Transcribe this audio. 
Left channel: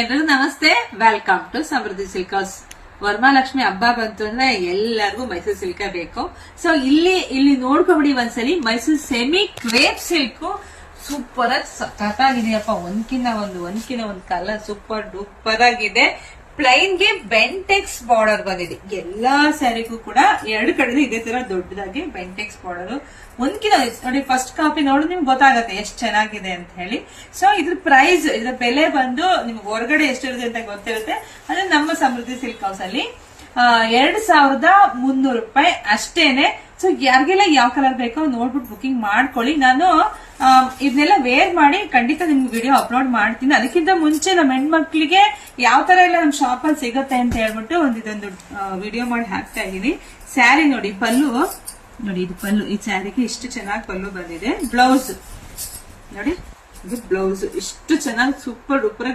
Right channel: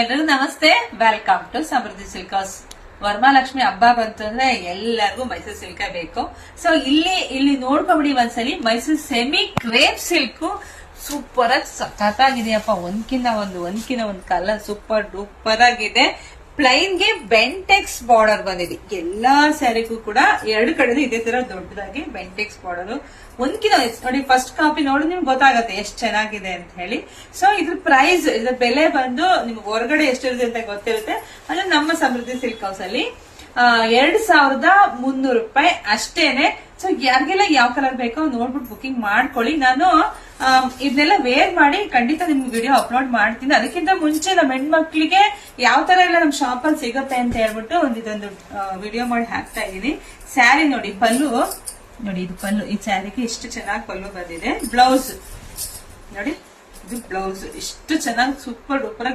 ಎಲ್ರಿಗೂ ನಮಸ್ತೆ, welcome to Samruddhi silk house. Varamahalakshmi ಹಬ್ಬ ಬಂತು ಅಂದ್ರೆ ಎಲ್ಲರಿಗೂ ಮೈಸೂರು ಸಿಲ್ಕ್ ಬೇಕು. ಸೊ ಇಲ್ಲಿ ನೋಡ್ಕೊಬಿಡಿ ಒಂದ್ಸಲಿ. Mysuru semi crepe silk super ಆಗಿ ಸಖತ್ತಾಗಿದೆಯಪ್ಪ. ಒಂದ್ಕಿನ್ನ ಒಂದು ಕಲರ್ ಸೂಪರ್ ಡೂಪರ್ ಆಗಿದೆ. ಪ್ಲೈನ್ ಗೆ ಬೆಂಟೆಕ್ಸ್ ಬಾರ್ಡರ್ ಬಂದಿದೆ. ಎಲ್ಲಾ ಸ್ಯಾರಿಗೂ ಕೂಡ ಎರಡು ಕಡೆ ಇದೇ ತರ ದೊಡ್ಡದಾಗಿ ಬೆಂಟೆಕ್ಸ್ ಬಾರ್ಡರ್. 1 ಕಿಲೋ ನೋಡಿ, ಫಸ್ಟ್ ಕಾಪಿ ನೋಡಿ ನಿಮ್ಗೆ ಗೊತ್ತಾಗತ್ತೆ ಎಷ್ಟು ಚೆನ್ನಾಗಿದೆ ಅಂತ ಹೇಳಿ. ಸೊ ಇದ್ರ ಪ್ರೈಸ್, ಇದ್ರ ಬೆಲೆ ಬಂದು ನಿಮ್ಗೆ ಹೊರಗಡೆ ಎಷ್ಟಿರುತ್ತೆ ಅಂತ ಗೊತ್ತಿರುತ್ತೆ. ಅದು ನಮ್ಮ ಸಮೃದ್ಧಿ ಸಿಲ್ಕ್ ಹೌಸ್ ಅಲ್ಲಿ 2300 ರೂಪಾಯಿ ಅಷ್ಟೇನೆ. ಸೊ ಯಾರಿಗೆಲ್ಲ ಯಾವ ಕಲರ್ ಬೇಕೋ ನೋಡ್ಬಿಟ್ಟು ಬುಕಿಂಗ್ ಮಾಡ್ಕೊಳ್ಳಿ. ನಾನು ಇದನ್ನೆಲ್ಲ ವೇರ್ ಮಾಡಿ ಖಂಡಿತ ನಿಮ್ಗೆ ವಿಡಿಯೋ ಅಪ್ಲೋಡ್ ಮಾಡ್ತೀನಿ. ಅದಕ್ಕಿಂತ ಮುಂಚೆ ನಮ್ಮ ಹೆಣ್ಮಕ್ಳಿಗೆ ಯಾವ ತರ ಎಲ್ಲ ನಮ್ ಶಾಪ್ ಅಲ್ಲಿ ಸಿಗುತ್ತೆ ಅಂತ ಹೇಳ್ಬಿಟ್ಟು ಇದೊಂದು ವಿಡಿಯೋ ಮಾಡಿ ಹಾಕ್ತಾ ಇದೀನಿ. ಸ್ಯಾರಿ ನೋಡಿ, ಪಲ್ಲು ನೋಡಿ, ಇದು ಪಲ್ಲು. ಈ ಸ್ಯಾರಿಗೆ ಇಷ್ಟು ಚೆನ್ನಾಗಿ ಪಲ್ಲು ಬಂದಿದೆ. ಬ್ಲೌಸ್ ನೋಡಿ, ಇದು ಬ್ಲೌಸ್ ಇಷ್ಟು ಚೆನ್ನಾಗಿ ಸೂಪರ್ ಡೂಪರ್